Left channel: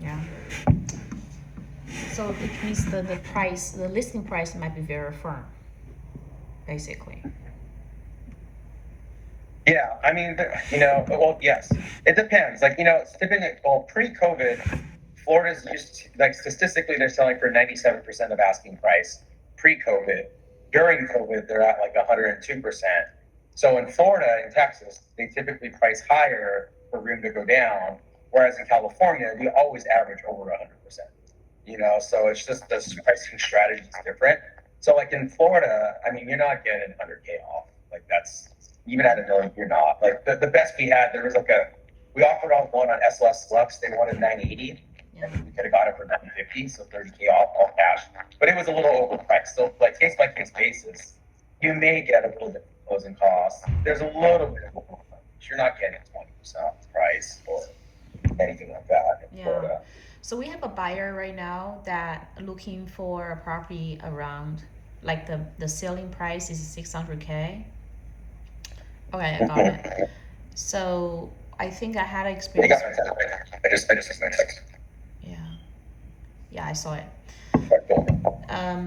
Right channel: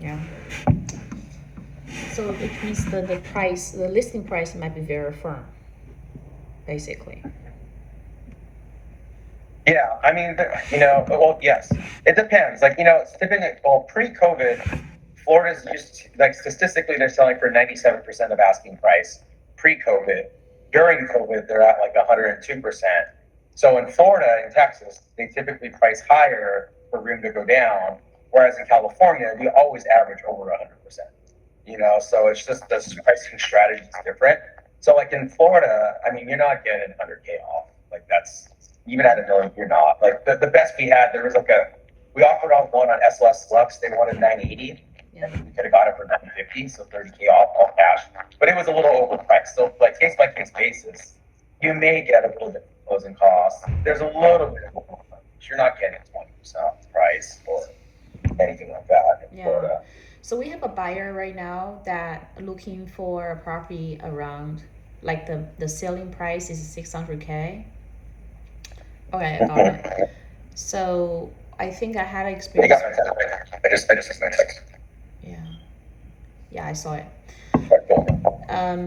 Yeah. So it means the price, the listing price might be very firm, basically. Yeah, I mean, well, yes, it depends. Like, it's typically, well, pre-COVID, Florida's used to, like, statistically, they're selling for 97% of asking price pre-COVID. During COVID, they're at like 102%. So in Florida and Texas, they typically price higher for room to go down, whereas in California, we always average over 100%. So it's just the pricing strategy is different. So like in Florida, I mean, you're not getting 100K off. Like that's even at a million, you're not. Like the best we had, there was like we offered on one on SLS Lux. They wanted 980. Yeah. And we could have got it for 950, so 30K off all cash. But it was a little overpriced. So like case by case basis, you may get a little bit of closing costs. There's a little bit of you're not getting 20% off the price or anything like that in Yeah. Florida. So we have a buyer right now that looking for a property around, like the selling price is 600K. Okay, I got it. So I think I had experience. I just Yeah, yeah, I saw it.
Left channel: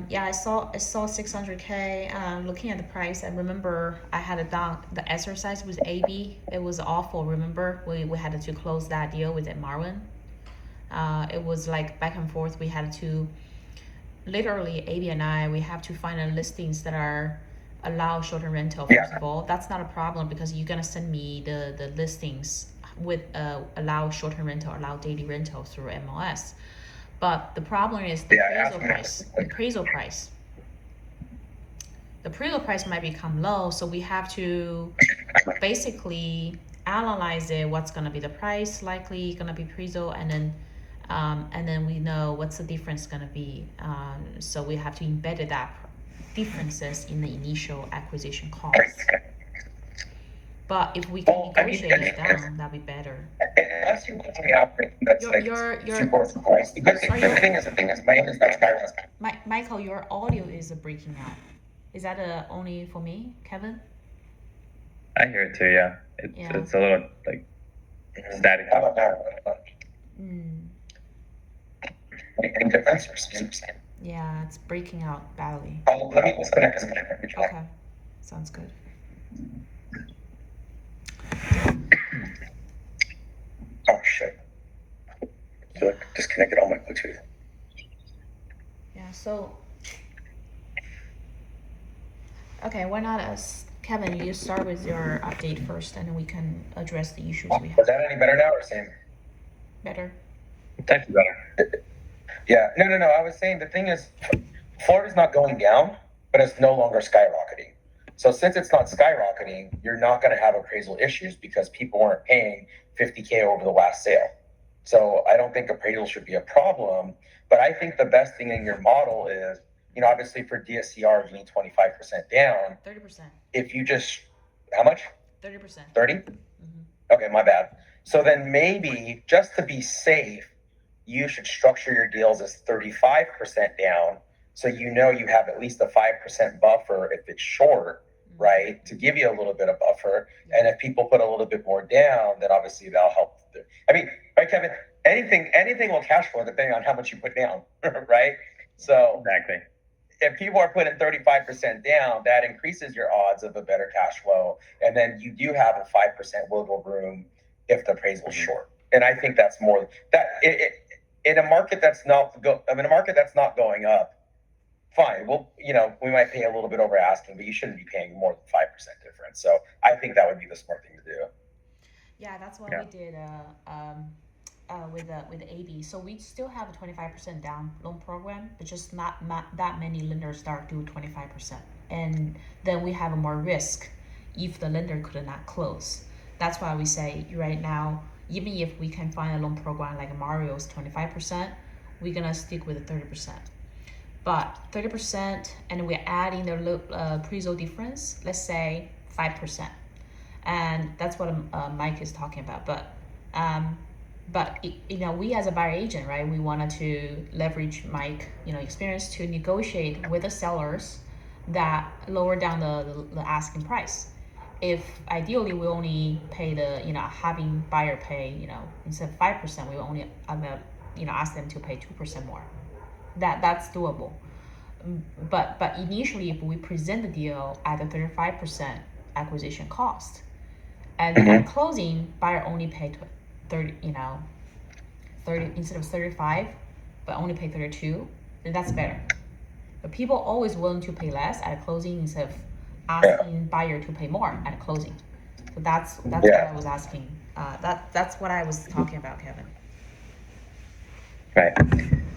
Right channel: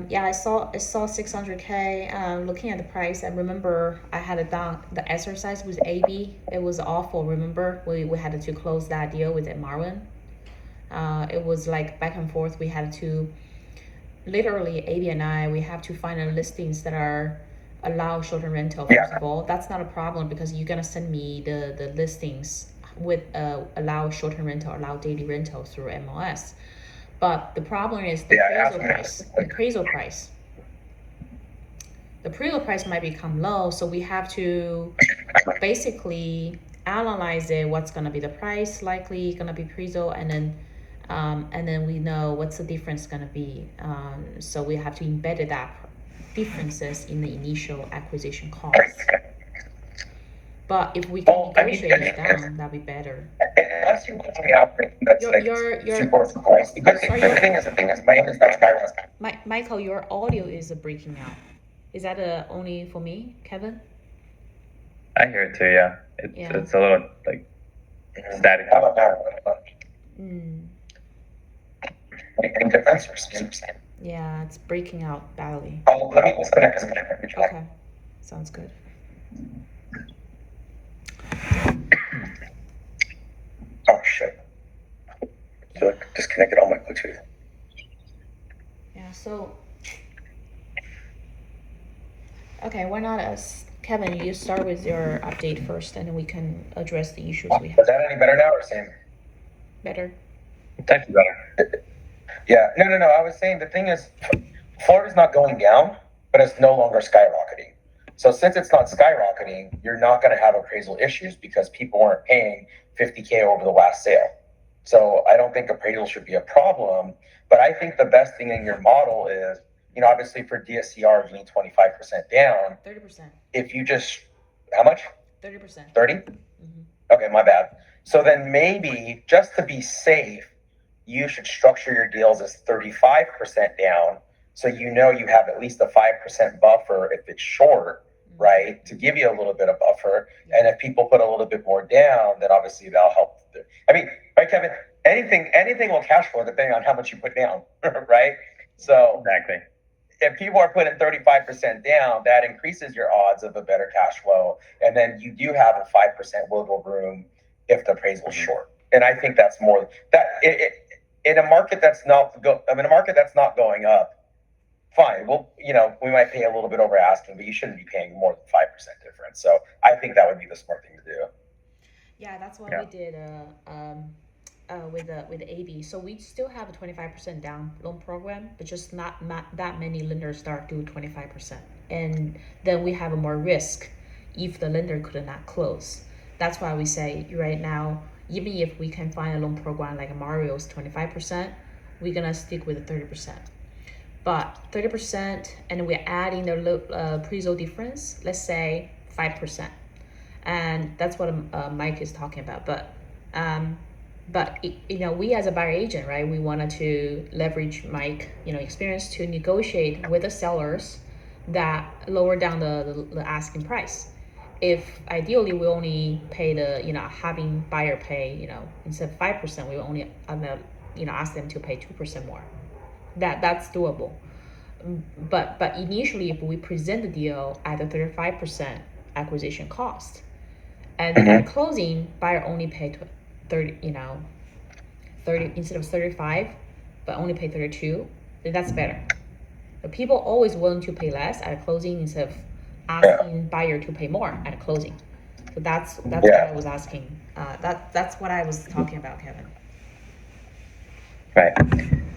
Yeah, I saw 600K. Looking at the price, I remember I had it done the exercise with AB. It was awful. Remember, we had to close that deal with Marvin. It was like back and forth. We had to literally AB and I we have to find listings that are allow short-term rental. First of all, that's not a problem because you're gonna send me the listings with allow short-term rental, allow daily rental through MLS. But the problem is the appraisal price. The appraisal price. The appraisal price might become low, so we have to basically analyze it. What's gonna be the price likely gonna be appraisal, and then we know what's the difference gonna be. So we have to embed that differences in the initial acquisition cost. But if we can negotiate it down, that'd be better. Unless you want me out, that's like super price. Because the thing is, my name is not Skyrim. Michael, your audio is breaking out. Is that only for me, Kevin? I hear it too. Yeah, it's a little like static. How about that? Any difference or same? Yeah, it's breaking out badly. Oh, let me disconnect. Okay, sounds good. Oh shit! So I disconnected all my Bluetooth. Yeah. So. Okay, why not us? Kevin, you start with your update first, and then we can address the issues we have. Is that any better now or same? Better. Definitely better. Yeah. No. I was saying the thing is, Florida's not going down, but it's no longer skyrocketing. So since it's not skyrocketing, you're not going to have appraisal issues because people weren't paying 50K over the last sale. So I don't think appraisal should be a problem. But I think the best thing in your model is, obviously for DSCR, you need 25% down. 30%. If you just, how much? 30%. 30? Okay, my bad. So then maybe just to be safe, you should structure your deals as 35% down. So you have at least a 5% buffer if it's short, right? To give you a little bit of buffer. And if people put a little bit more down, then obviously that'll help. I mean, right, Kevin? Anything will cash flow depending on how much you put down, right? So exactly. If people are putting 35% down, that increases your odds of a better cash flow. And then you do have a 5% wiggle room if the appraisal is short. And I think that's more that in a market that's not going up, fine. Well, we might pay a little bit over asking, but you shouldn't be paying more than 5% difference. So I think that would be the smart thing to do. Yeah, that's what we did with AB. So we still have a 25% down loan program, but just not that many lenders start do 25%, and then we have more risk if the lender could not close. That's why we say right now, even if we can find a loan program like Mario's 25%, we're gonna stick with the 30%. But 30%, and we're adding the appraisal difference, let's say 5%, and that's what Mike is talking about. But we as a buyer agent, right? We wanted to leverage Mike, experience to negotiate with the sellers that lower down the asking price. If ideally we only pay having buyer pay, instead of 5%, we only ask them to pay 2% more. That's doable. But initially, if we present the deal at a 35% acquisition cost, and then at closing, buyer only pay 30, 30 instead of 35, but only pay 32, then that's better. But people always willing to pay less at closing instead of asking buyer to pay more at closing. So that's what I was asking. That's what I was talking about, Kevin. Right.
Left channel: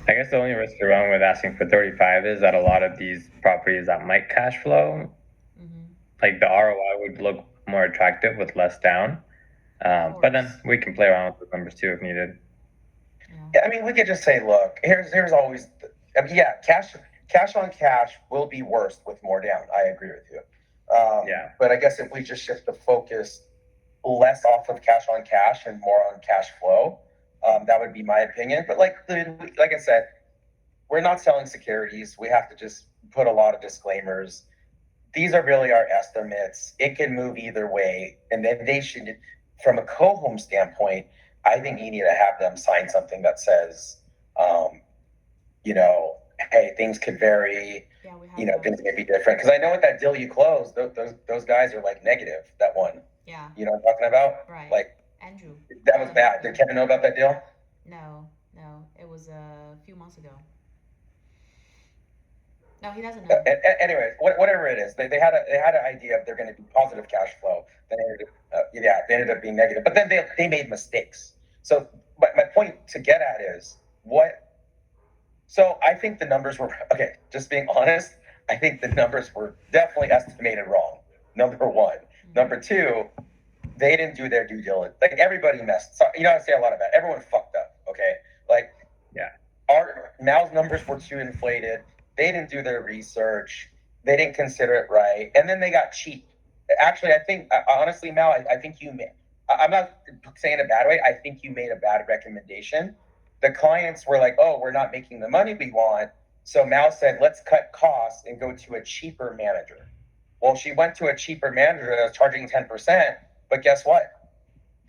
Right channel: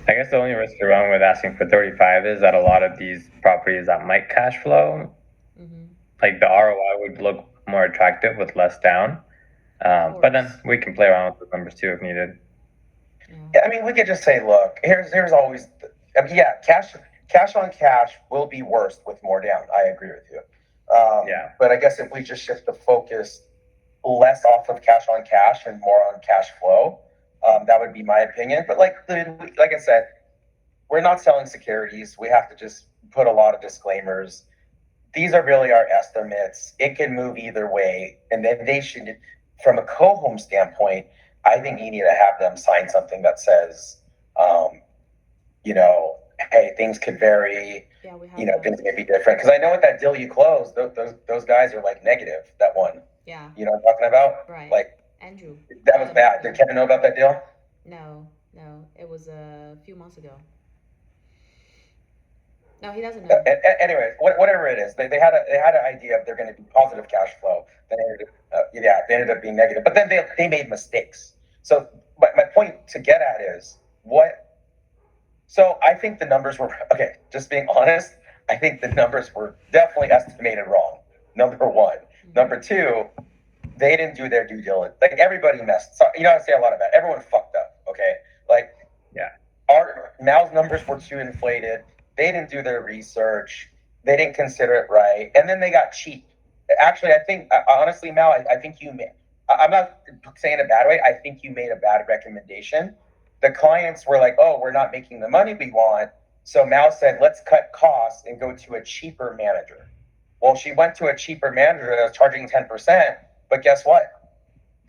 I guess the only risk you're wrong with asking for 35 is that a lot of these properties that might cash flow, like the ROI would look more attractive with less down. But then we can play around with the numbers too if needed. Yeah, I mean, we could just say, look, here's always, cash on cash will be worse with more down. I agree with you. But I guess if we just shift the focus less off of cash on cash and more on cash flow, that would be my opinion. But like I said, we're not selling securities. We have to just put a lot of disclaimers. These are really our estimates. It can move either way. And then they should, from a co-home standpoint, I think you need to have them sign something that says, hey, things could vary. Things may be different. Because I know with that deal you closed, those guys are like negative, that one. Yeah. You know what I'm talking about? Right. Like, Andrew. That was bad. Did Kevin know about that deal? No. It was a few months ago. No, he doesn't know. know. Anyway, whatever it is, they had an idea of they're going to be positive cash flow. Then they ended up being negative. But then they made mistakes. So my point to get at is what. So I think the numbers were okay. Just being honest, I think the numbers were definitely estimated wrong. Number one. Number two, they didn't do their due diligence. Like everybody messed. So, I say a lot about it. Everyone fucked up. Okay, our Mal's numbers were too inflated. They didn't do their research. They didn't consider it right, and then they got cheap. Actually, I think honestly, Mal, I think you made. I'm not saying it a bad way. I think you made a bad recommendation. The clients were like, "Oh, we're not making the money we want." So Mal said, "Let's cut costs and go to a cheaper manager." Well, she went to a cheaper manager that was charging 10%, but guess what?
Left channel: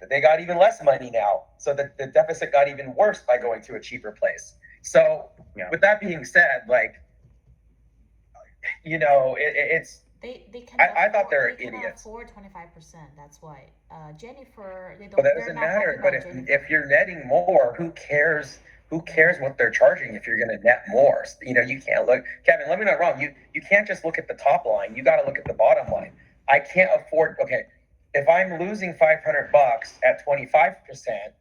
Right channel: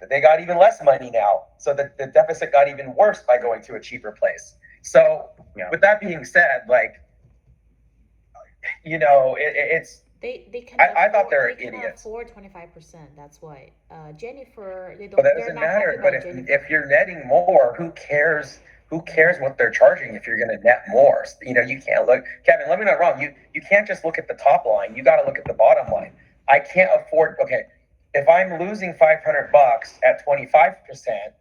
They got even less money now. So the deficit got even worse by going to a cheaper place. So with that being said, it's. They can. I thought they're idiots. Afford 25%. That's why. Jennifer, they don't. But that doesn't matter. But if you're netting more, who cares? Who cares what they're charging if you're going to net more? You can't look. Kevin, let me not wrong. You can't just look at the top line. You got to look at the bottom line. I can't afford. Okay, if I'm losing $500 at 25%,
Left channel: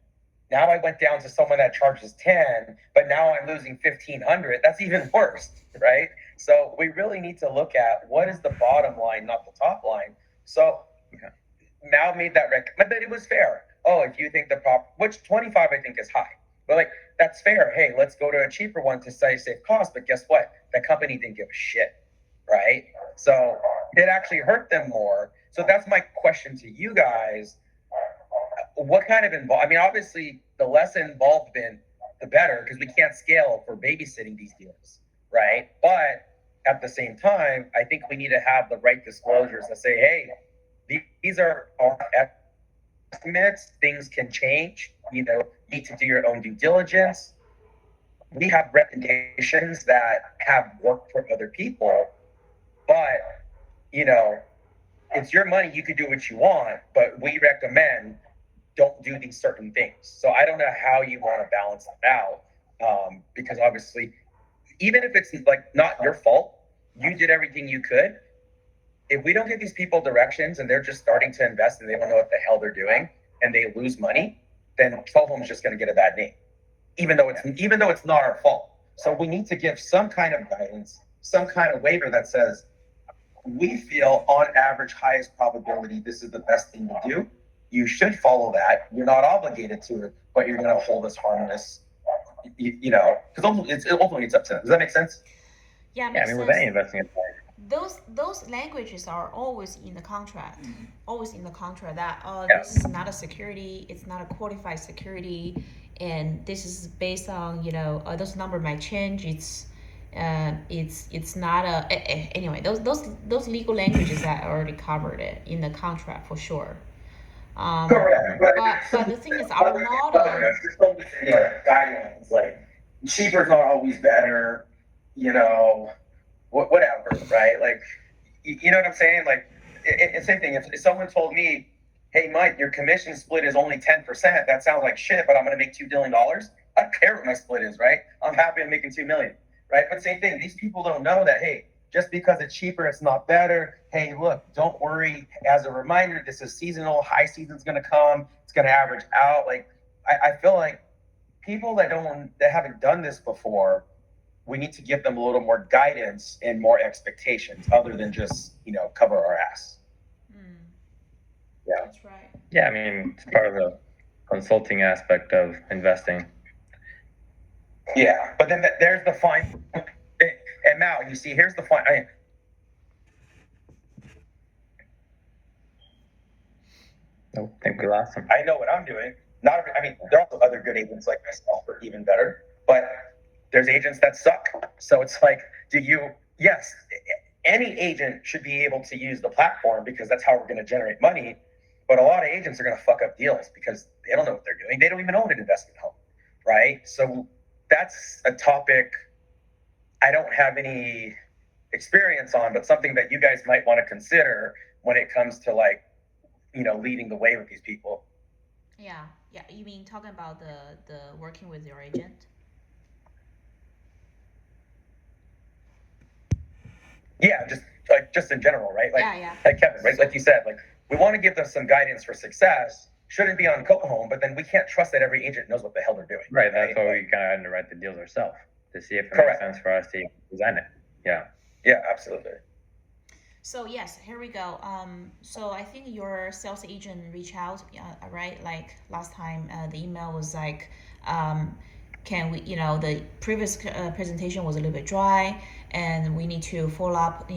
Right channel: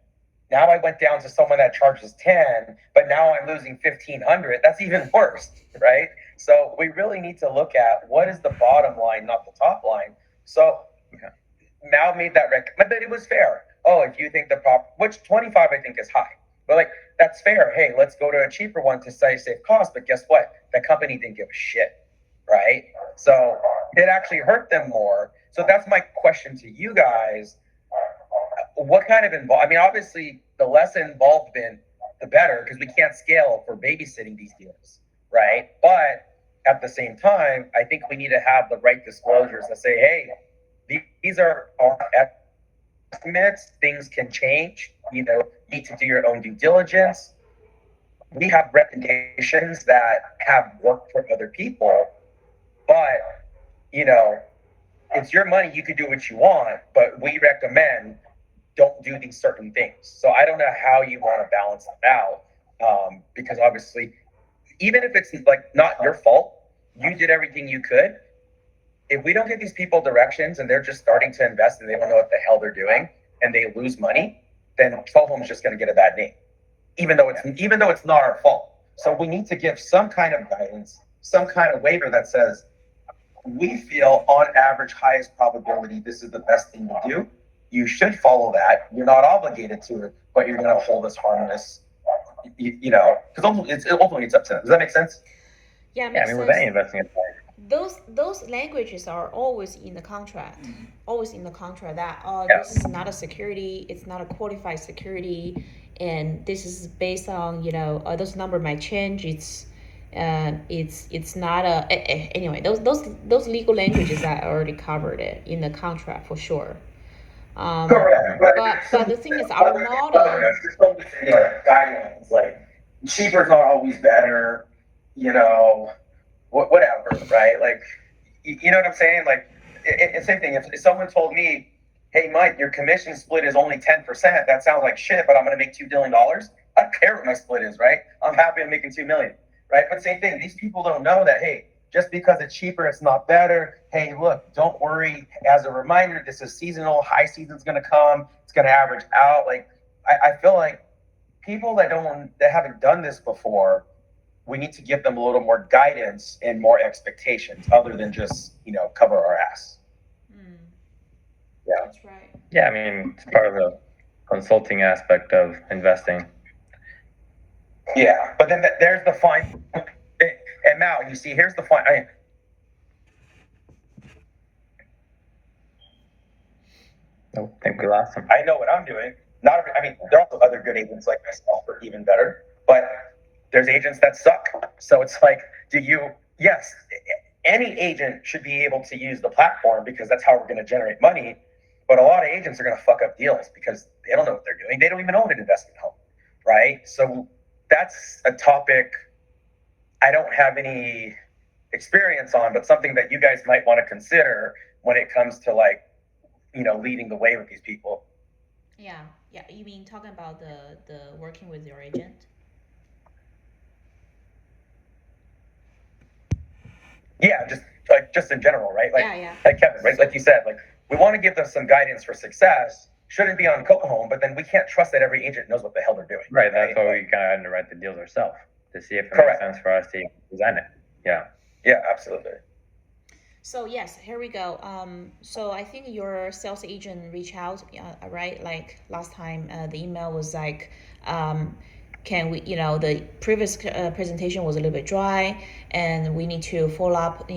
now I went down to someone that charges 10, but now I'm losing $1,500. That's even worse, right? So we really need to look at what is the bottom line, not the top line. So Mal made that recommendation, but it was fair. Oh, if you think which 25 I think is high, but that's fair. Hey, let's go to a cheaper one to save cost. But guess what? The company didn't give a shit, right? So it actually hurt them more. So that's my question to you guys. What kind of obviously the less involvement, the better, because we can't scale for babysitting these deals, right? But at the same time, I think we need to have the right disclosures that say, hey, these are our estimates. Things can change. You need to do your own due diligence. We have recommendations that have worked for other people, but it's your money. You could do what you want, but we recommend don't do these certain things. So I don't know how you want to balance that out, because obviously, even if it's not your fault, you did everything you could. If we don't give these people directions and they're just starting to invest and they don't know what the hell they're doing and they lose money, then Co-Home's just going to get a bad name, even though it's not our fault. So we need to give some kind of guidance, some kind of waiver that says we feel on average highest probability this is the best thing to do. You should follow that. You're not obligated to it, but you're going to hold us harmless. Because ultimately it's up to them. Does that make sense? Yeah, with any investment. Those languages are always in the contract. Mm-hmm. Always in the contract that this is not a security, it's not a qualified security, and this is based on those numbers might change. It's not a anyway. Those legal languages are already covered in the contract for sure. Correct. But the thing is, our model. Guidelines cheaper's not always better, you know, whatever, right? Like, you know what I'm saying? Like, same thing. If someone told me, hey, Mike, your commission split is only 10%, that sounds like shit, but I'm going to make $2 billion. I don't care what my split is, right? I'm happy I'm making $2 million, right? But same thing. These people don't know that, hey, just because it's cheaper, it's not better. Hey, look, don't worry. As a reminder, this is seasonal. High season's going to come. It's going to average out. Like, I feel like people that haven't done this before, we need to give them a little more guidance and more expectations other than just, cover our ass. Yeah. That's right. Yeah, I mean, it's part of the consulting aspect of investing. Yeah, but then there's the fine. And Mal, you see, here's the fine. I think we lost him. I know what I'm doing. There are also other good agents like myself who are even better, but there's agents that suck. So it's like, yes, any agent should be able to use the platform because that's how we're going to generate money. But a lot of agents are going to fuck up deals because they don't know what they're doing. They don't even own an investment home, right? So that's a topic I don't have any experience on, but something that you guys might want to consider when it comes to leading the way with these people. Yeah. You mean talking about the working with your agent? Yeah, just in general, right? Yeah. Like Kevin, right? Like you said, like we want to give them some guidance for success. Shouldn't be on co-home, but then we can't trust that every agent knows what the hell they're doing. Right. That's why we kind of underwrite the deals ourselves to see if it Correct. makes sense for us to design it. Yeah. Yeah, absolutely. So yes, here we go. So I think your sales agent reached out, right? Like last time, the email was like, can we, the previous presentation was a little bit dry, and we need to follow up,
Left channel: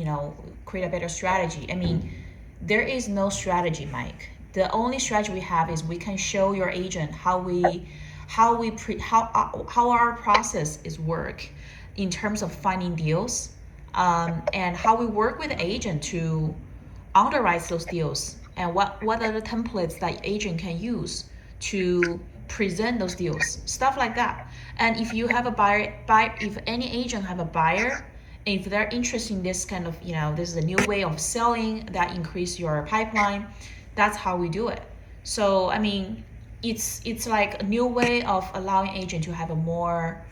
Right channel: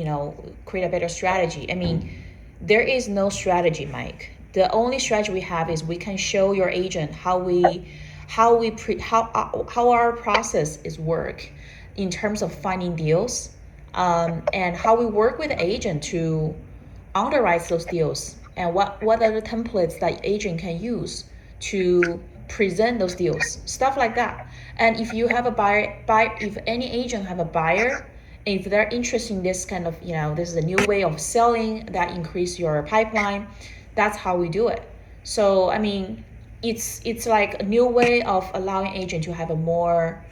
create a better strategy. I mean, there is no strategy, Mike. The only strategy we have is we can show your agent how our process is work in terms of finding deals. And how we work with the agent to underwrite those deals, and what are the templates that agent can use to present those deals, stuff like that. And if you have a buyer, if any agent have a buyer, if they're interested in this kind of, this is a new way of selling that increase your pipeline, that's how we do it. So I mean, it's like a new way of allowing agent to have a more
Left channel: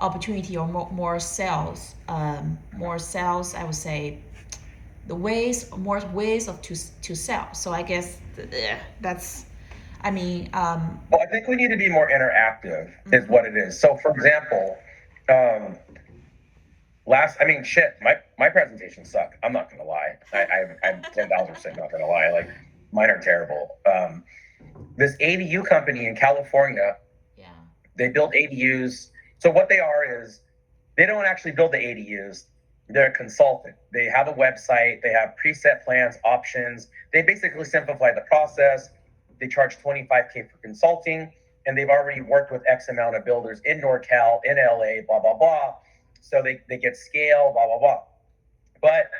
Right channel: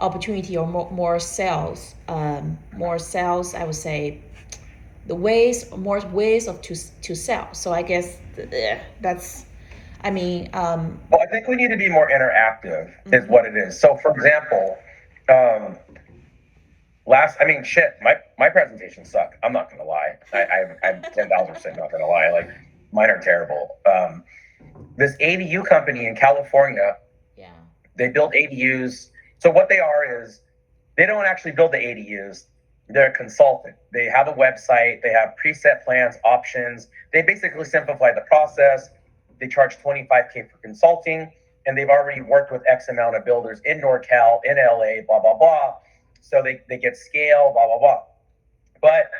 opportunity or more sales, I would say, more ways of to sell. So I guess that's, well, I think we need to be more interactive is what it is. So for example, my presentations suck. I'm not gonna lie. I'm 10,000% not gonna lie. Like mine are terrible. This ADU company in California, they build ADUs. So what they are is they don't actually build the ADUs. They're a consultant. They have a website. They have preset plans, options. They basically simplify the process. They charge $25K for consulting, and they've already worked with X amount of builders in NorCal, in LA, blah, blah, blah. So they get scale, blah, blah, blah. But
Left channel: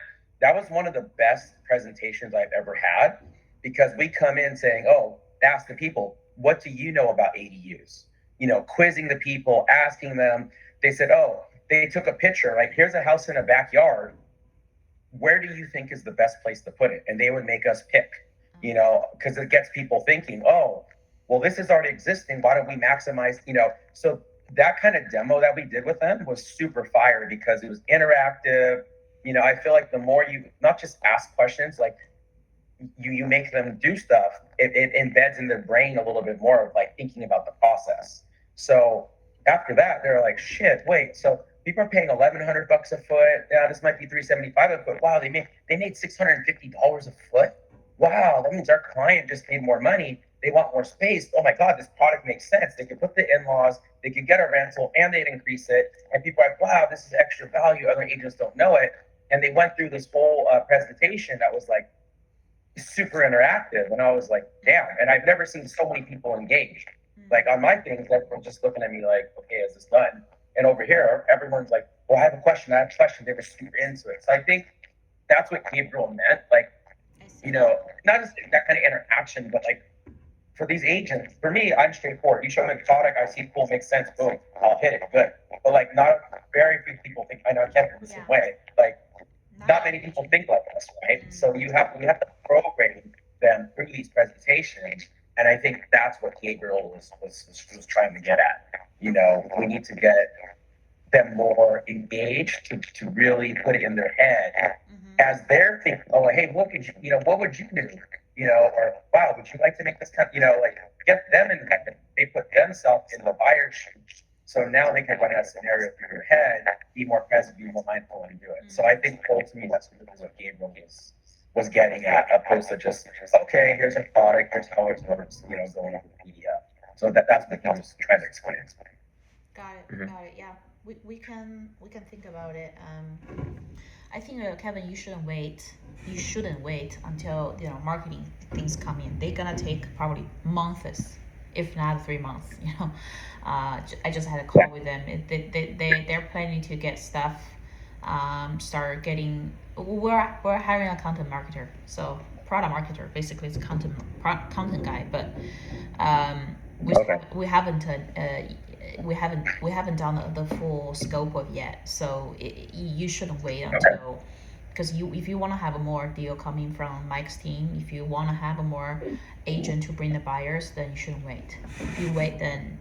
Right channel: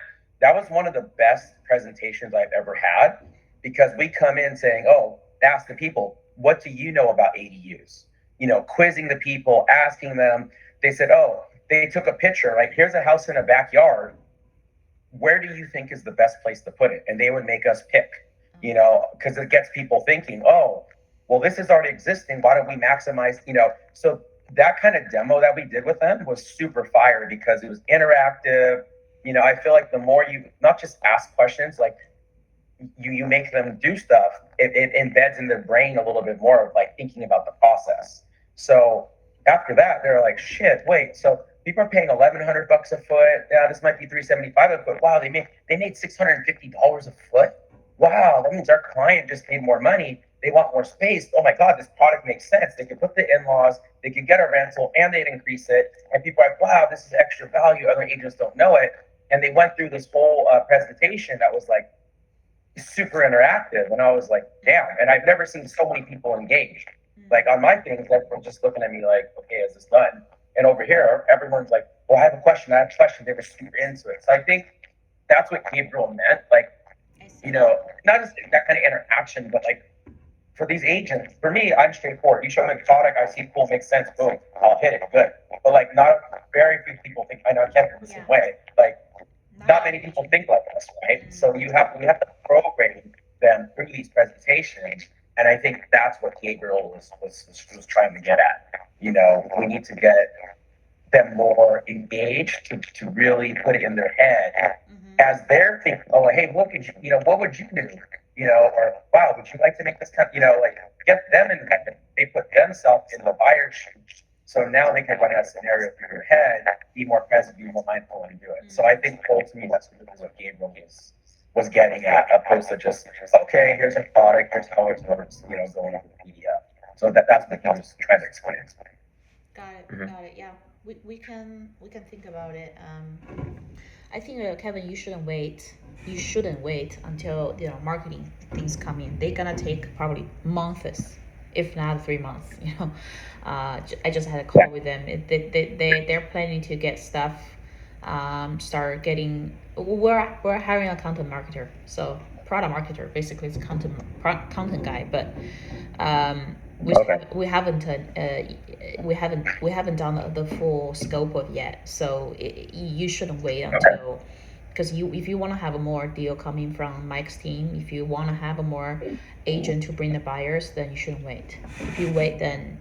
that was one of the best presentations I've ever had, because we come in saying, ask the people, what do you know about ADUs? Quizzing the people, asking them. They said, they took a picture, like, here's a house in a backyard. Where do you think is the best place to put it? And they would make us pick, because it gets people thinking, well, this is already existing. Why don't we maximize, So that kind of demo that we did with them was super fire because it was interactive. I feel like the more you not just ask questions, like you make them do stuff, it embeds in their brain a little bit more of like thinking about the process. So after that, they're like, shit, wait, so people are paying $1,100 a foot. Yeah, this might be $375 a foot. Wow, they made $650 a foot. Wow, that means our client just paid more money. They want more space. Oh my God, this product makes sense. They could put the in-laws, they could get a rental, and they'd increase it. And people are like, wow, this is extra value. Other agents don't know it. And they went through this whole presentation that was like super interactive. And I was like, damn. And I've never seen so many people engaged. Like on my things, everyone's just looking at me like, okay, is this done? And over here, everyone's like, well, I have a question. They were super into it. So I think that's what Gabriel meant. Like, not just that kind of interaction, but like for these agents, for me, I'm straightforward. You show me the product, I see cool, makes sense, boom, I'll hit it, good. but like not very few people think. I know Kevin the same way. Like not many people think like us, right? So we have to program them through these presentations, and I think that's what Gabriel was trying to get at. You know, we need to get them more engaged to really put it in their head as they're thinking, oh, hey, what could you, what would you do? Or wow, would you like to make this kind like get them in, they put themselves in the buyer's shoes. So now they can run a scenario through their head, be more present, be more mindful, and do it. So I think ultimately that's what Gabriel was getting at, opposed to just okay, here's a product, here's how it works, going over the PDF. So that's what he was trying to explain. Got it. Yeah, we can think about it. I think Kevin, you shouldn't wait. You shouldn't wait until marketing things come in. They're gonna take probably months, if not 3 months. I just had a call with them. They're planning to get stuff. Start getting. We're hiring a content marketer, so product marketer basically is content guy, but we haven't done the full scope of yet. So you shouldn't wait until. Because if you want to have a more deal coming from Mike's team, if you want to have a more agent to bring the buyers, then you shouldn't wait. If you wait, then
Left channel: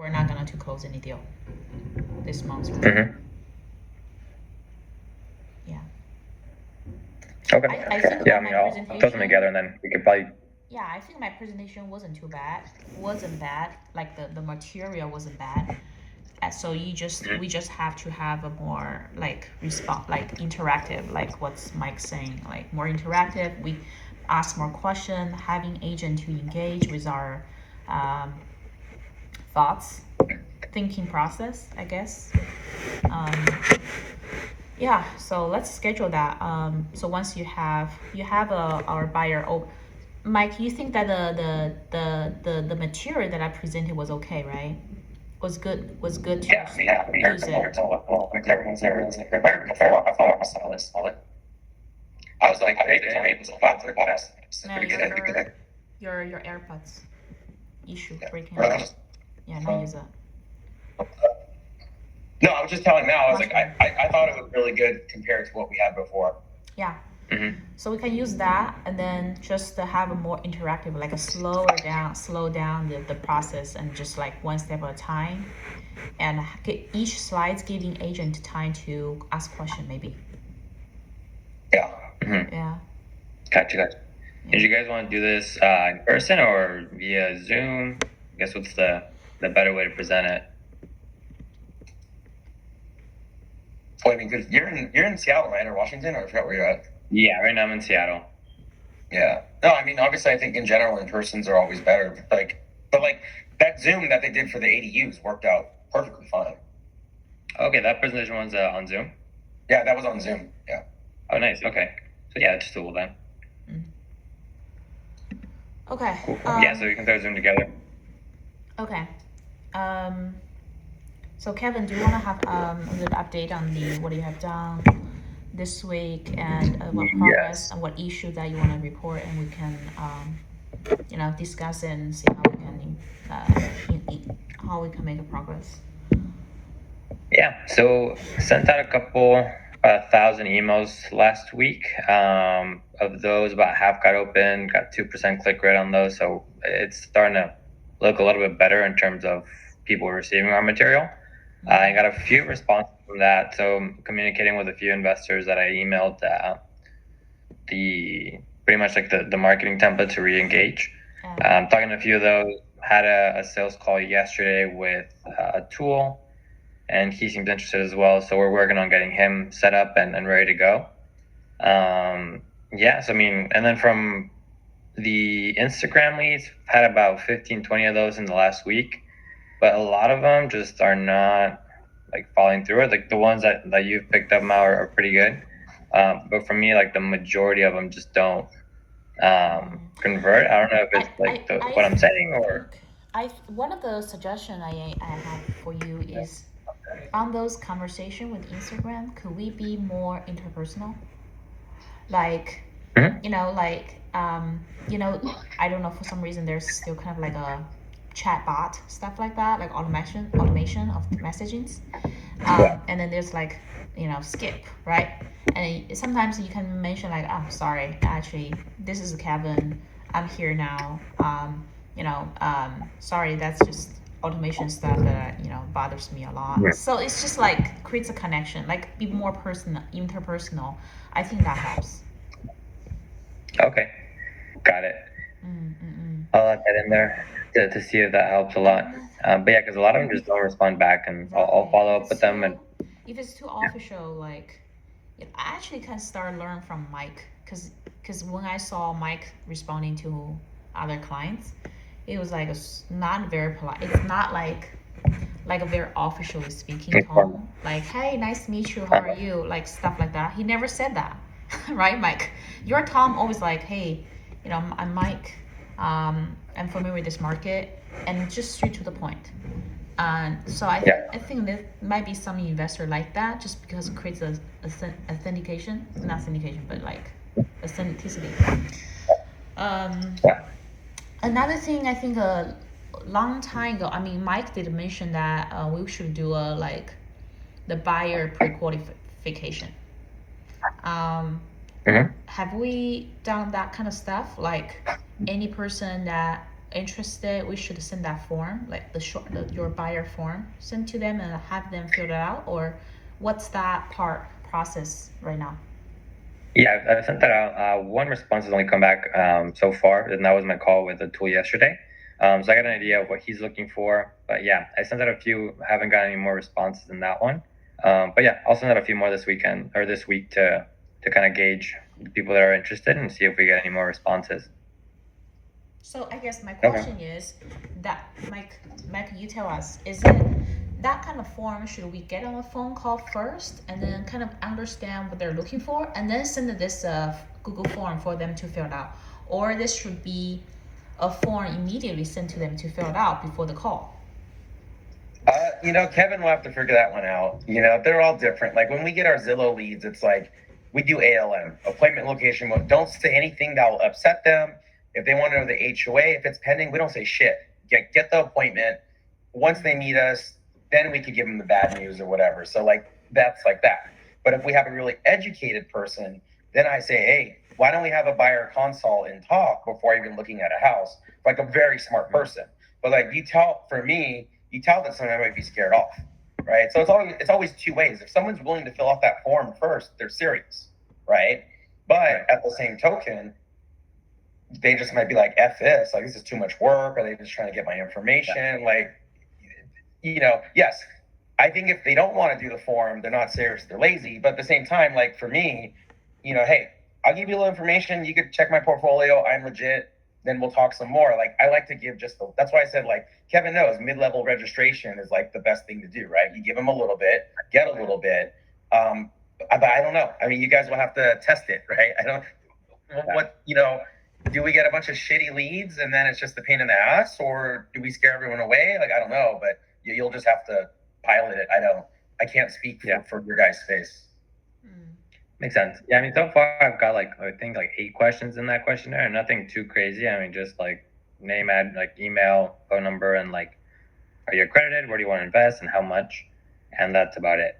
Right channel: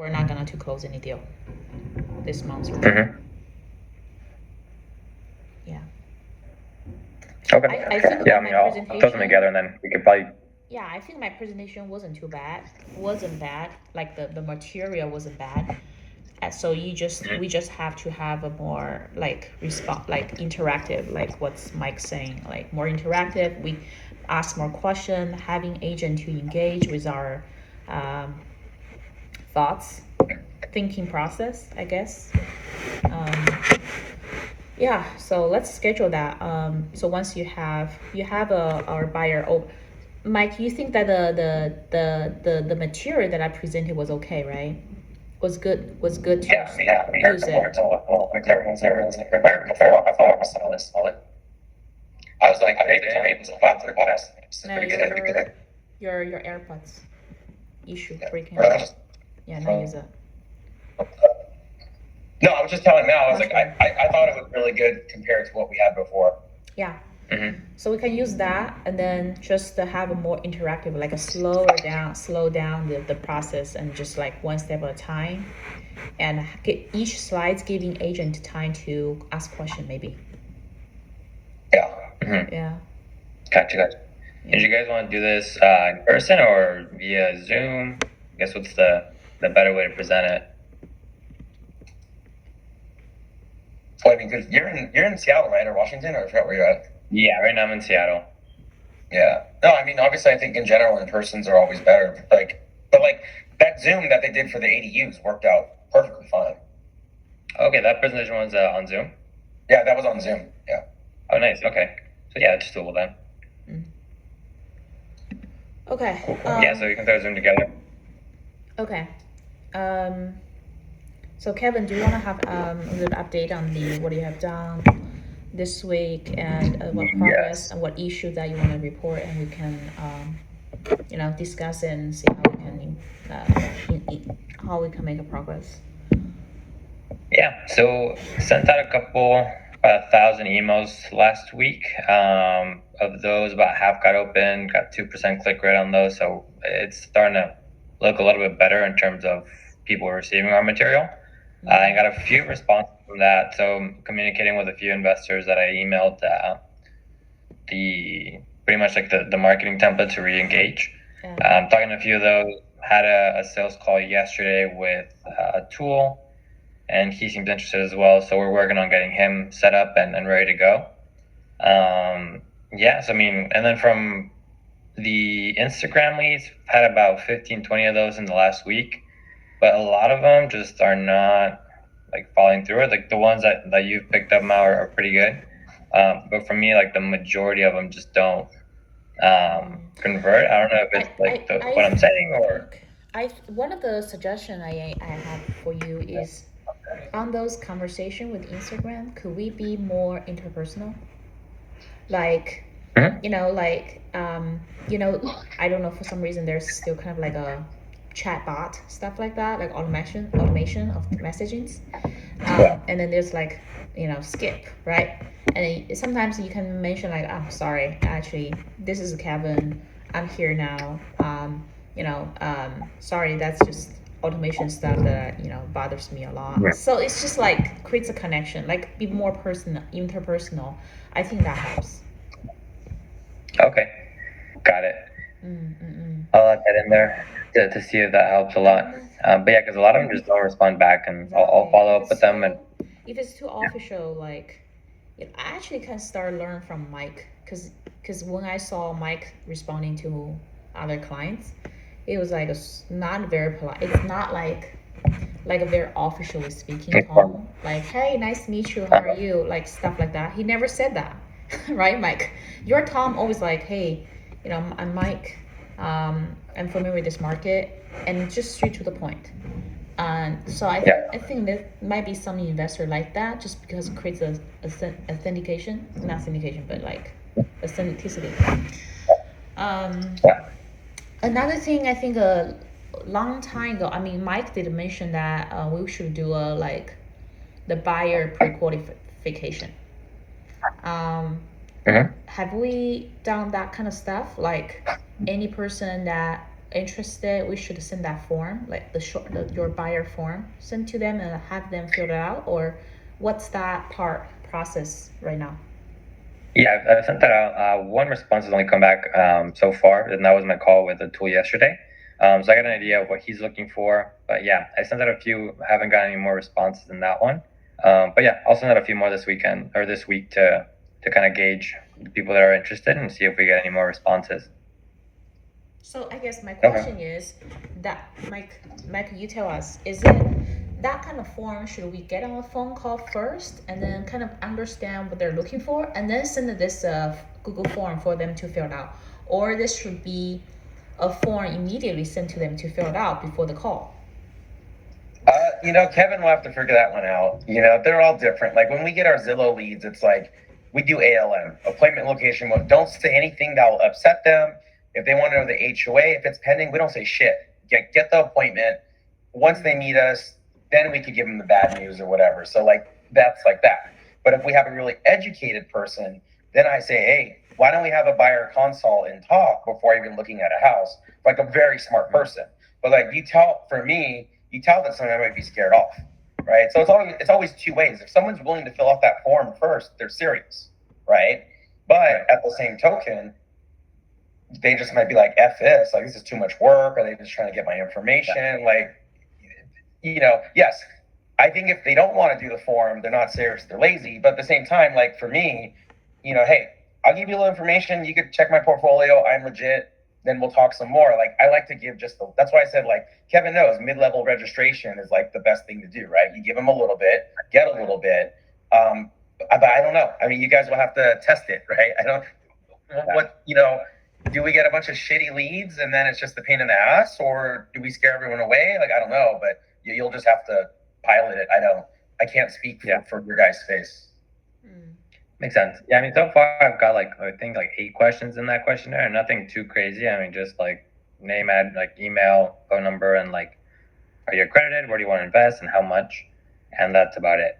we're not going to close any deal this month. Yeah. Okay. I think I'll throw them together and then we could probably. Yeah, I think my presentation wasn't too bad. Wasn't bad. Like the material wasn't bad. So we just have to have a more interactive, like what's Mike saying, like more interactive. We ask more questions, having agent to engage with our thoughts, thinking process, I guess. Yeah, so let's schedule that. So once you have our buyer. Oh, Mike, you think that the material that I presented was okay, right? Was good to use it. I was like, your AirPods issue breaking. Yeah, now use it. No, I was just telling Mal. I was like, I thought it was really good compared to what we had before. Yeah. So we can use that, and then just to have a more interactive, like a slow down the process, and just like one step at a time, and get each slides giving agent time to ask question maybe. Yeah. Yeah. Gotcha. Did you guys want to do this in person or via Zoom? I guess what's the better way to present it? Well, I mean, because you're in Seattle, right, or Washington, or I forgot where you're at. Yeah, right now I'm in Seattle. Yeah. No, I mean, obviously, I think in general, in persons are always better. But that Zoom that they did for the ADUs worked out perfectly fine. Okay, that presentation was on Zoom? Yeah, that was on Zoom. Yeah. Oh, nice. Okay. So yeah, it's doable then. Okay. Yeah, so we can throw Zoom together. Okay. So Kevin, do you want to have a little update on what you have done this week, and what progress and what issue that you want to report, and we can discuss and see how we can make a progress. Yeah, so sent out about 1,000 emails last week. Of those, about half got open, got 2% click rate on those, so it's starting to look a little bit better in terms of people receiving our material. I got a few responses from that, so I'm communicating with a few investors that I emailed pretty much like the marketing template to re-engage. I'm talking to a few of those. Had a sales call yesterday with a tool, and he seems interested as well, so we're working on getting him set up and ready to go. So I mean, and then from the Instagram leads, had about 15-20 of those in the last week, but a lot of them just are not like following through it. Like the ones that you've picked up now are pretty good, but for me, like the majority of them just don't convert. I don't know if it's what I'm saying or. One of the suggestions I have for you is on those conversation with Instagram, could we be more interpersonal? Like, I don't know, for some reason there's still kind of like a chat bot, stuff like that, like automation of messaging. And then there's like, skip, right? And sometimes you can mention like, oh, sorry, actually, this is Kevin. I'm here now. Sorry, that's just automation stuff that bothers me a lot. Yeah. So it's just like creates a connection, like be more personal, interpersonal. I think that helps. Okay, got it. I'll add that in there to see if that helps a lot. But yeah, because a lot of them just don't respond back, and I'll follow up with them. And If it's too official, like, I actually can start learn from Mike, because when I saw Mike responding to other clients, it was like not very polite. It's not like a very officially speaking tone. Like, hey, nice to meet you. How are you? Like stuff like that. He never said that, right, Mike? Your Tom always like, hey, I'm Mike. I'm familiar with this market, and just straight to the point. So I think that might be some investor like that, just because it creates a authentication, not syndication, but like authenticity. Another thing I think a long time ago, I mean, Mike did mention that we should do the buyer pre-qualification. Have we done that kind of stuff? Like any person that interested, we should send that form, like your buyer form, send to them and have them fill it out, or what's that process right now? Yeah, I've sent that out. One response has only come back so far, and that was my call with the tool yesterday. So I got an idea of what he's looking for. But yeah, I sent out a few. Haven't got any more responses than that one. But yeah, I'll send out a few more this weekend or this week to kind of gauge the people that are interested and see if we get any more responses. So I guess my question is that, Mike, you tell us, is it that kind of form, should we get on a phone call first and then kind of understand what they're looking for and then send this Google form for them to fill out? Or this should be a form immediately sent to them to fill it out before the call? Kevin will have to figure that one out. They're all different. Like when we get our Zillow leads, it's like we do ALM, appointment location. Don't say anything that will upset them. If they want to know the HOA, if it's pending, we don't say shit. Get the appointment. Once they meet us, then we could give them the bad news or whatever. So that's like that. But if we have a really educated person, then I say, hey, why don't we have a buyer consult and talk before even looking at a house? Like a very smart person. But you tell that someone might be scared off, right? So it's always two ways. If someone's willing to fill out that form first, they're serious, right? But at the same token, they just might be like, F this, this is too much work. Are they just trying to get my information? Yes, I think if they don't want to do the form, they're not serious, they're lazy. But at the same time, for me, hey, I'll give you a little information. You could check my portfolio. I'm legit. Then we'll talk some more. I like to give that's why I said, Kevin knows mid-level registration is the best thing to do, right? You give them a little bit, get a little bit. But I don't know. I mean, you guys will have to test it, right? I don't, do we get a bunch of shitty leads and then it's just a pain in the ass, or do we scare everyone away? I don't know, but you'll just have to pilot it. I can't speak for your guys' space. Makes sense. Yeah, I mean, so far I've got I think 8 questions in that questionnaire. Nothing too crazy. I mean, just name, email, phone number, and are you accredited? Where do you want to invest and how much? And that's about it.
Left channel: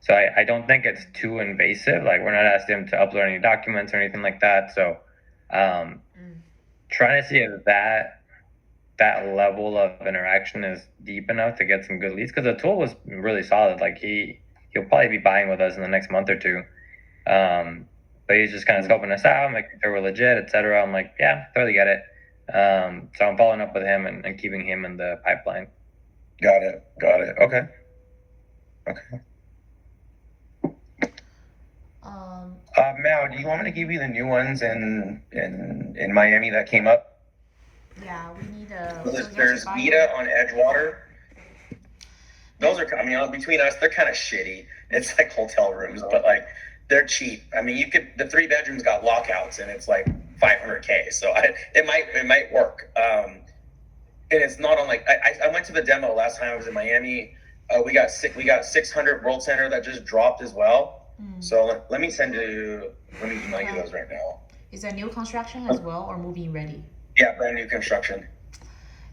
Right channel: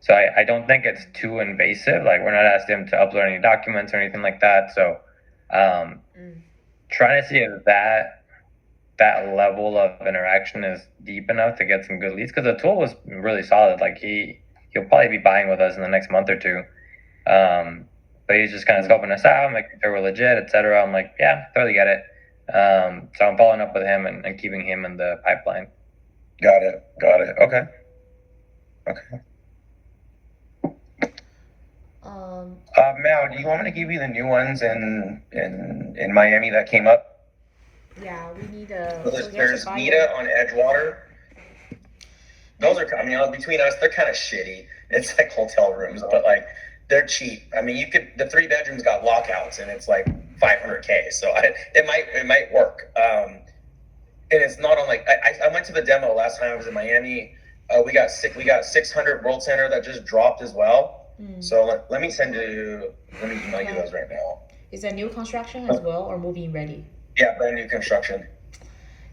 So I don't think it's too invasive. We're not asking them to upload any documents or anything like that. So trying to see if that level of interaction is deep enough to get some good leads, because the tool was really solid. He'll probably be buying with us in the next month or two. But he's just kind of scoping us out, making sure we're legit, etc. I'm like, yeah, totally get it. So I'm following up with him and keeping him in the pipeline. Got it. Okay. Mal, do you want me to give you the new ones in Miami that came up? Yeah, we need There's Vita on Edgewater. Those are, between us, they're kind of shitty. It's hotel rooms, but they're cheap. I mean, the 3 bedrooms got lockouts and it's $500K. So it might work. And it's not on I went to the demo last time I was in Miami. We got 600 World Center that just dropped as well. So let me email you those right now. Is that new construction as well or moving ready? Yeah, brand new construction.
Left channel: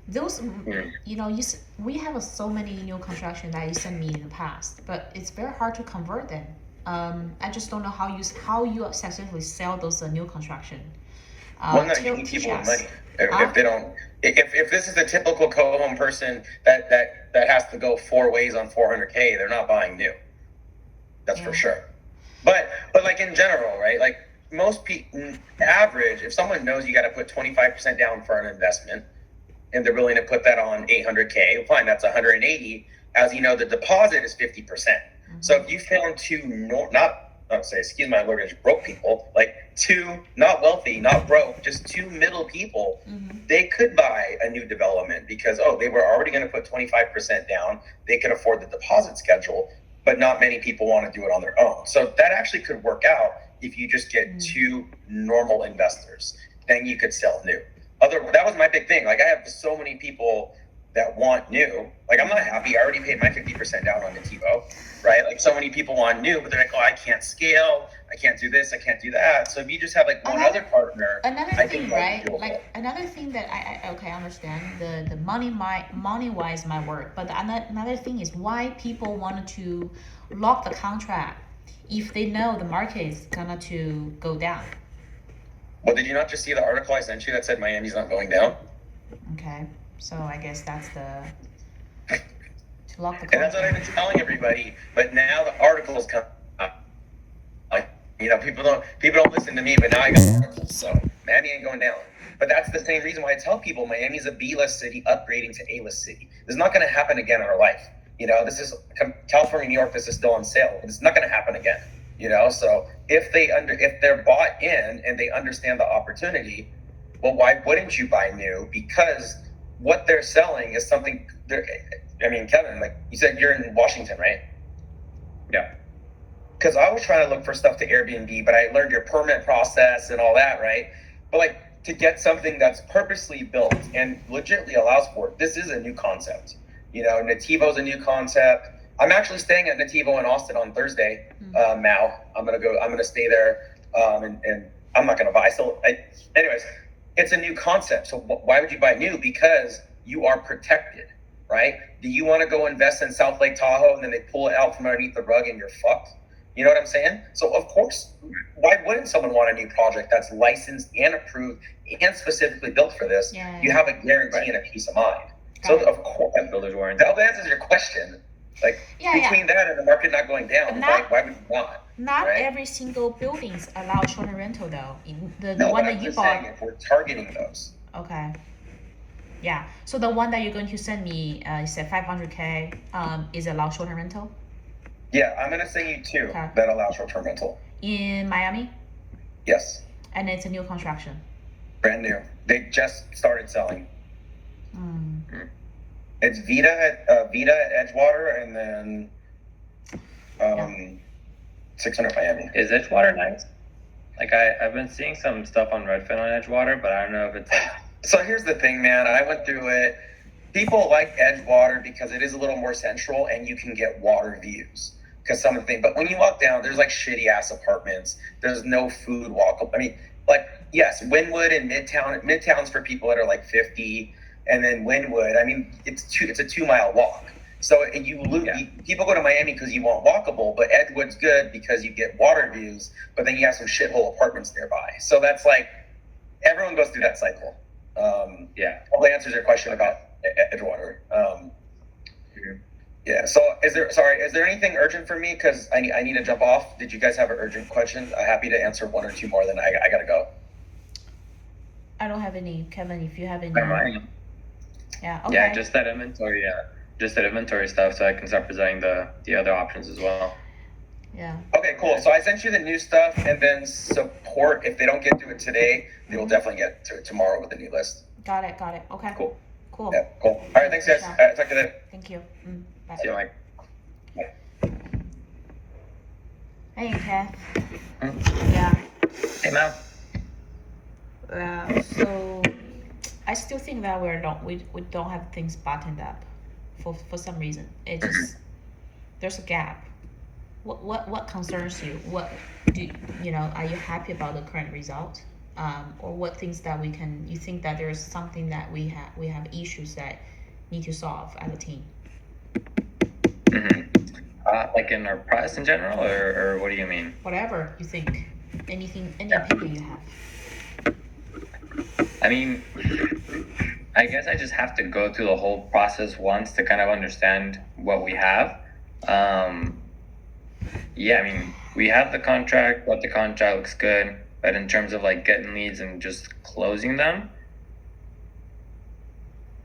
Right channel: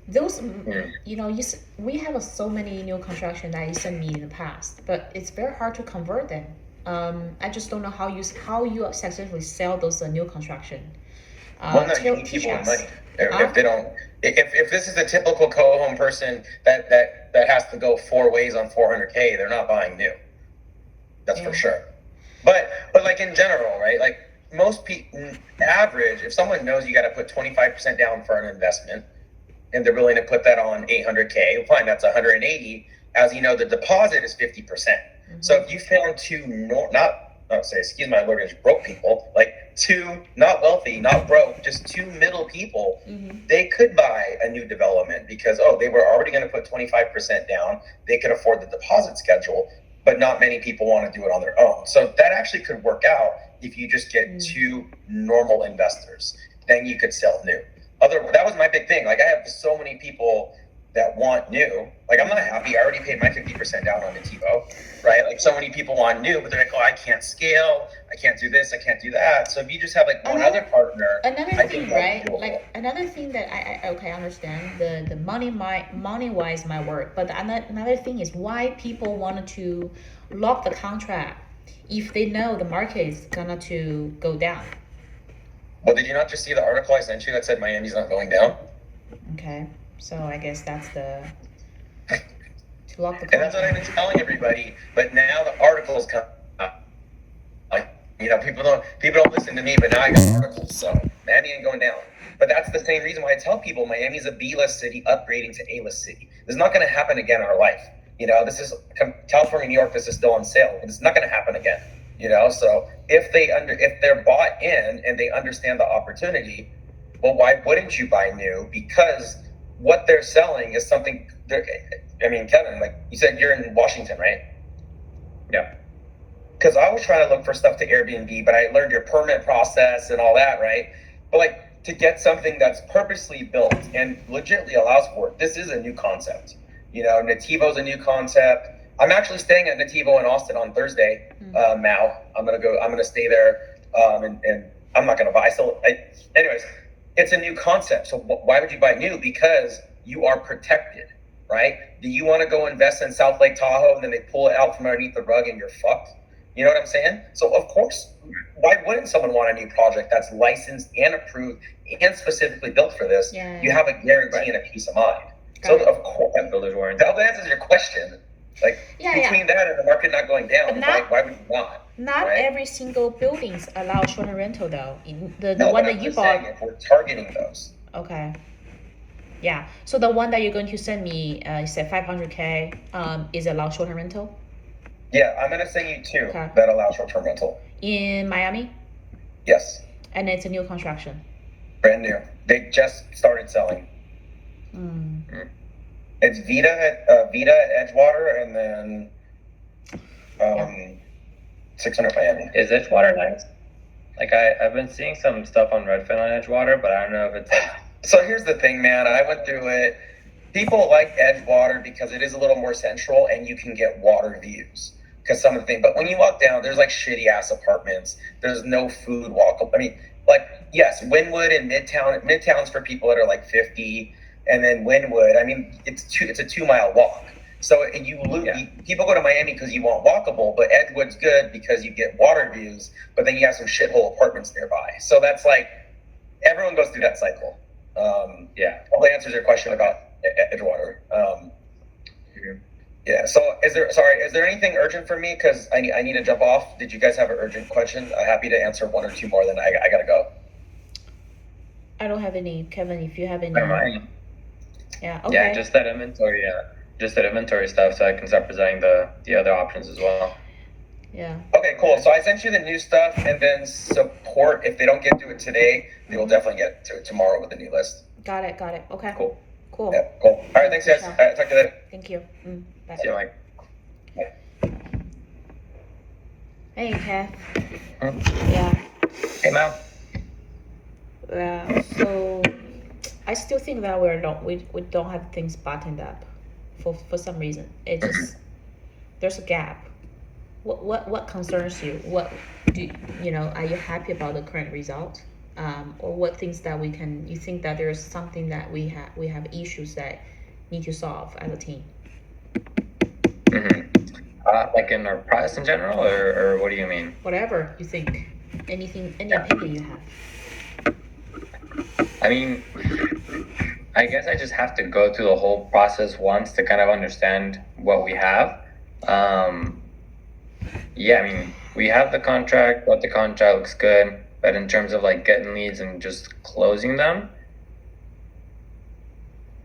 those, Mm. we have so many new construction that you sent me in the past, but it's very hard to convert them. I just don't know how you successfully sell those new construction. Well, no, you need Teach people with us. money. If, Huh? if they don't, if this is a typical co-home person that has to go 4 ways on 400K, they're not buying new. That's for Yeah. sure. But like in general, right? Like most people, average, if someone knows you got to put 25% down for an investment, and they're willing to put that on 800K, well, fine, that's 180. As you know, the deposit is 50%. So if you found two excuse my language, broke people, like two not wealthy, not broke, just two middle people, they could buy a new development because they were already going to put 25% down. They could afford the deposit schedule, but not many people want to do it on their own. So that actually could work out if you just get two normal investors. Then you could sell new. That was my big thing. Like I have so many people that want new. Like I'm not happy. I already paid my 50% down on the TiVo, right? Like so many people want new, but they're like, I can't scale. I can't do this. I can't do that. So if you just have like one other partner, Another thing, right? Like another thing that I understand the money wise might work, but another thing is why people wanted to lock the contract if they know the market is gonna to go down. Well, did you not just see the article I sent you that said Miami's not going down? Okay, so I guess that's to lock the contract. And that's what I've been telling everybody. But now the articles come out. Like people don't listen to me, but now I got articles. So Miami ain't going down. But that's the same reason why I tell people Miami's a B-list city upgrading to A-list city. This is not going to happen again in our life. This is California, New York. This is still on sale. It's not going to happen again. So if they're bought in and they understand the opportunity, well, why wouldn't you buy new? Because what they're selling is something. Kevin, like you said, you're in Washington, right? Yeah. Because I was trying to look for stuff to Airbnb, but I learned your permit process and all that, right? But like to get something that's purposely built and legitimately allows for it, this is a new concept. Nativo's a new concept. I'm actually staying at Nativo in Austin on Thursday. Now I'm gonna stay there, and I'm not gonna buy. Anyways, it's a new concept. So why would you buy new? Because you are protected, right? Do you want to go invest in South Lake Tahoe and then they pull it out from underneath the rug and you're fucked? You know what I'm saying? So of course, why wouldn't someone want a new project that's licensed and approved and specifically built for this? Yeah. You have a guarantee and a peace of mind. So of course, builder's warranty. That answers your question. Like between that and the market not going down, why would you not? Not right? Every single buildings allow short-term rental though. The one that you bought. If we're targeting those. Okay. Yeah. So the one that you're going to send me, you said 500K, is allow short-term rental? Yeah, I'm gonna send you two that allow short-term rental. In Miami? Yes. And it's a new construction. Brand new. They just started selling. It's Vita at Edgewater, and then 600 Miami. Is Edgewater nice? Like I've been seeing some stuff on Redfin on Edgewater, but I don't know if it's like. So here's the thing, man. I went through it. People like Edgewater because it is a little more central and you can get water views. Because some of the things, but when you walk down, there's like shitty ass apartments. There's no food walkable. Yes, Wynwood and Midtown. Midtown's for people that are like 50, and then Wynwood. It's a 2-mile walk. So people go to Miami because you want walkable, but Edgewood's good because you get water views. But then you have some shithole apartments nearby. So that's like everyone goes through that cycle. Hopefully answers your question about Edgewater. Yeah. So is there anything urgent for me? Because I need to jump off. Did you guys have an urgent question? I'm happy to answer one or two more. Then I gotta go. I don't have any, Kevin. If you have any. Yeah. Okay. Yeah, just that inventory. Just that inventory stuff, so I can start presenting the other options as well. Yeah. Okay, cool. So I sent you the new stuff, and then support. If they don't get to it today, they will definitely get to it tomorrow with the new list. Got it. Okay. Cool. Yeah, cool. All right, thanks, guys. All right, talk to you later. Thank you. Bye. See you, Mike. Hey, Kev. Yeah. Hey, Mal. So I still think that we don't have things buttoned up for some reason. It just there's a gap. What concerns you? What are you happy about the current result? or what things that you think that there's something that we have issues that need to solve as a team. Like in our process in general, or what do you mean? Whatever you think, any opinion you have. I mean, I guess I just have to go through the whole process once to kind of understand what we have. Yeah, I mean, we have the contract, but the contract looks good. But in terms of like getting leads and just closing them,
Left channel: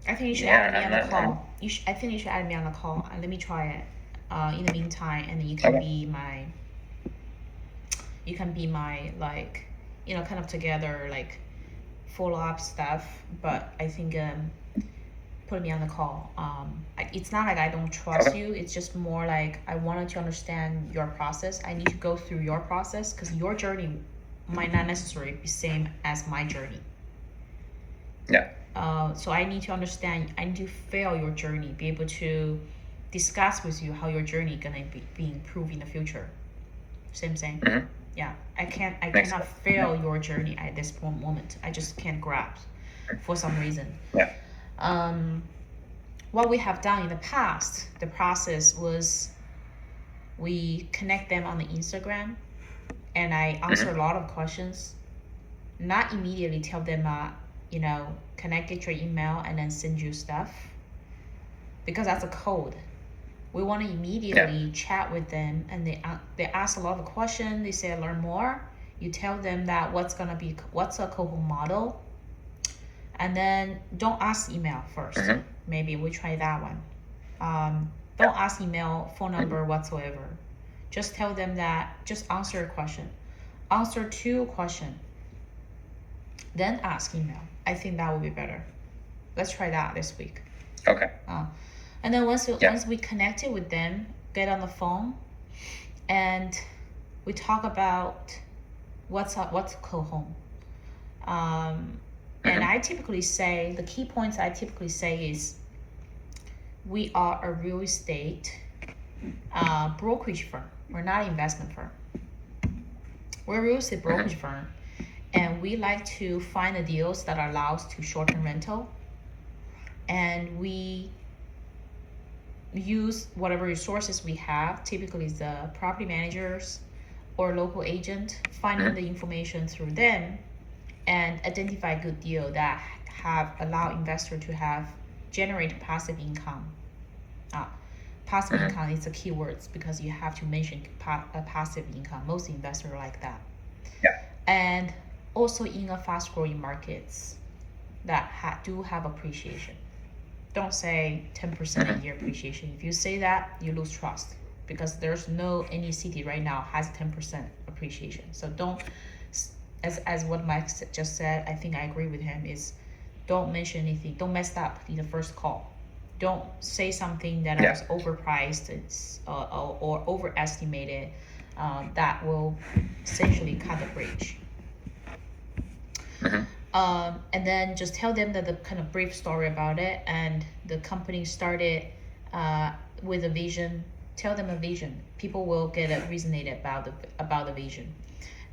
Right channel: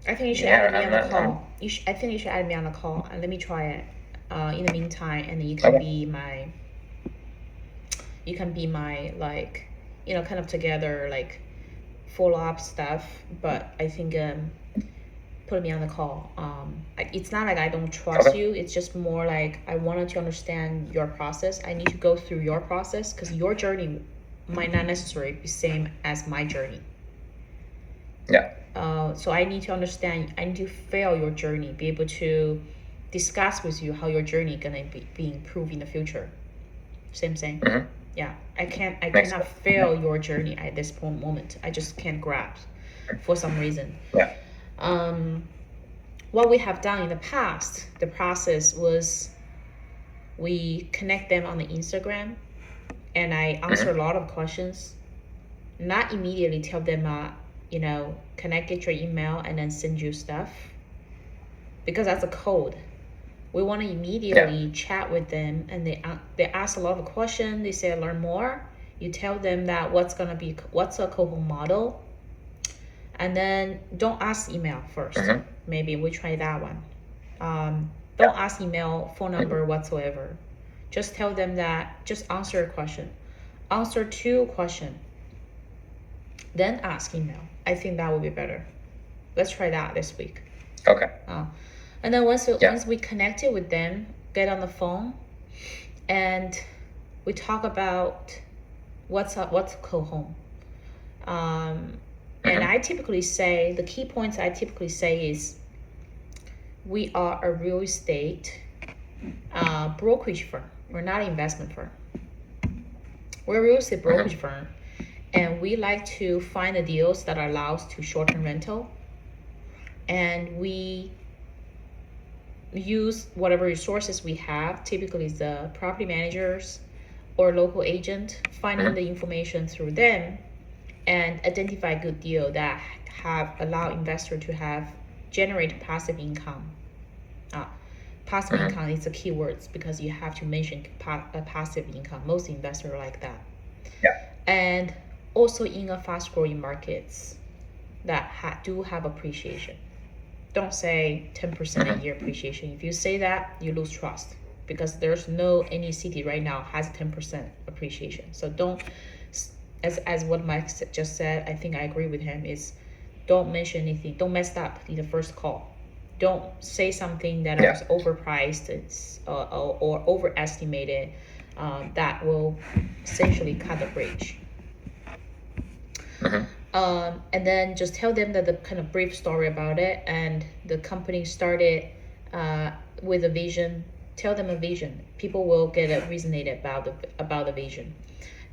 I think you should add me on the call. I think you should add me on the call and let me try it. In the meantime, and you can be my like, kind of together like follow up stuff. But I think put me on the call. It's not like I don't trust you. It's just more like I wanted to understand your process. I need to go through your process because your journey might not necessarily be same as my journey. Yeah. So I need to understand. I need to feel your journey. Be able to discuss with you how your journey gonna be improved in the future. Same thing. Mm-hmm. Yeah. I cannot feel your journey at this moment. I just can't grasp for some reason. Yeah. What we have done in the past, the process was we connect them on the Instagram, and I answer a lot of questions. Not immediately tell them, can I get your email and then send you stuff? Because that's a code. We want to immediately chat with them, and they ask a lot of questions. They say learn more. You tell them that what's a co-home model, and then don't ask email first. Maybe we try that one. Don't ask email, phone number whatsoever. Just tell them that. Just answer a question. Answer 2 questions. Then ask email. I think that would be better. Let's try that this week. Okay. And then once we connected with them, get on the phone, and we talk about what's co-home. And I typically say, the key points I typically say is, we are a real estate brokerage firm. We're not an investment firm. We're a real estate brokerage firm, and we like to find the deals that allows to short-term rental, and we use whatever resources we have, typically the property managers or local agent, finding the information through them and identify a good deal that allow investor to generate passive income. Passive income is the key words because you have to mention passive income. Most investors like that. Yeah. And also in a fast growing markets that do have appreciation. Don't say 10% a year appreciation. If you say that, you lose trust because there's any city right now has 10% appreciation. So don't, as what Mike just said, I think I agree with him, is don't mention anything. Don't mess up in the first call. Don't say something that is overpriced or overestimated. That will essentially cut the bridge. And then just tell them that the kind of brief story about it, and the company started with a vision. Tell them a vision. People will get resonated about the vision.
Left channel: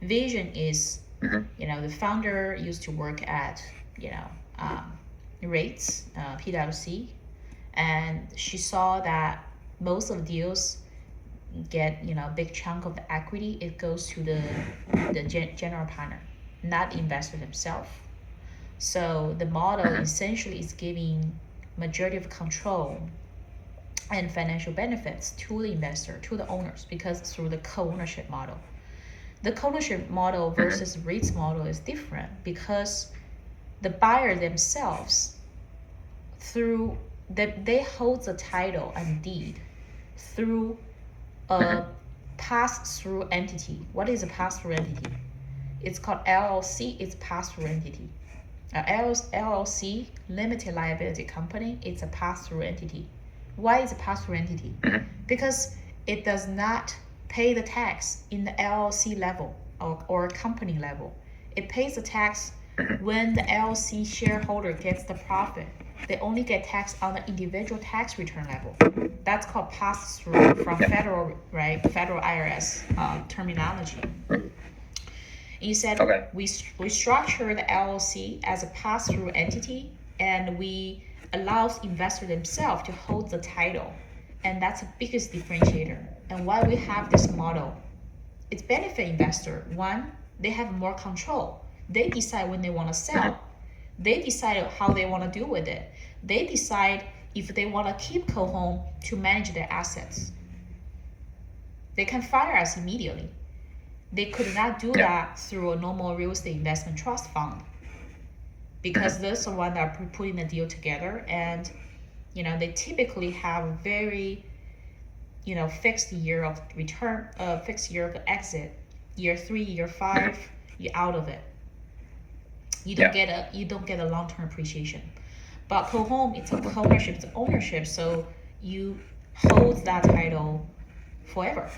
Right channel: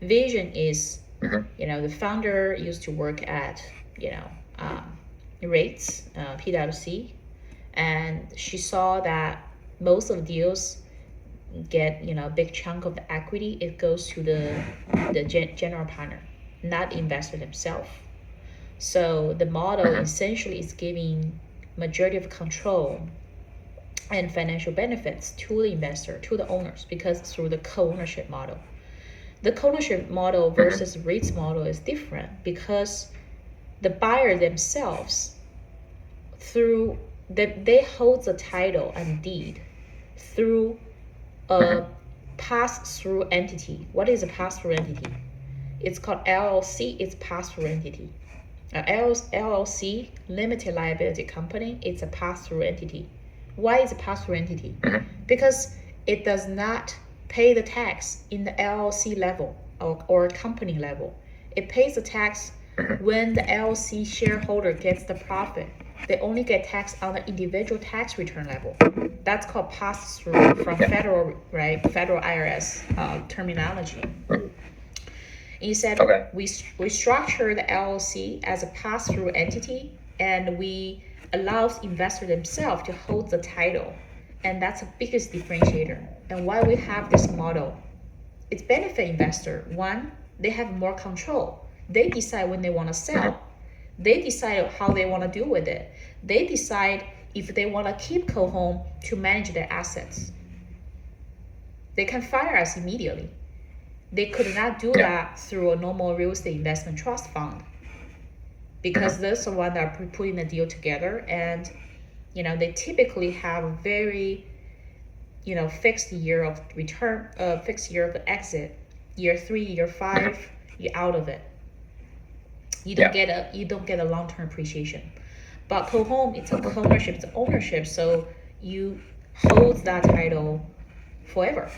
Vision is, the founder used to work at, REITs, PwC, and she saw that most of the deals get, a big chunk of the equity. It goes to the general partner, not the investor themselves. So the model essentially is giving majority of control and financial benefits to the investor, to the owners, because through the co-ownership model. The co-ownership model versus REITs model is different because the buyer themselves, they hold the title and deed through a pass-through entity. What is a pass-through entity? It's called LLC. It's pass-through entity. LLC, limited liability company, it's a pass-through entity. Why is a pass-through entity? Because it does not pay the tax in the LLC level or company level. It pays the tax when the LLC shareholder gets the profit. They only get tax on the individual tax return level. That's called pass-through from federal IRS terminology. Instead, Okay. we structure the LLC as a pass-through entity, and we allow investors themselves to hold the title, and that's the biggest differentiator. And why we have this model, it's benefit investor. One, they have more control. They decide when they want to sell. They decide how they want to deal with it. They decide if they want to keep Co-Home to manage their assets. They can fire us immediately. They could not do that through a normal real estate investment trust fund, because those are the ones that are putting the deal together, and they typically have a very fixed year of return, fixed year of exit, year 3, year 5, you're out of it. You don't get a long-term appreciation. But Co-Home, it's a co-ownership, it's ownership, so you hold that title forever.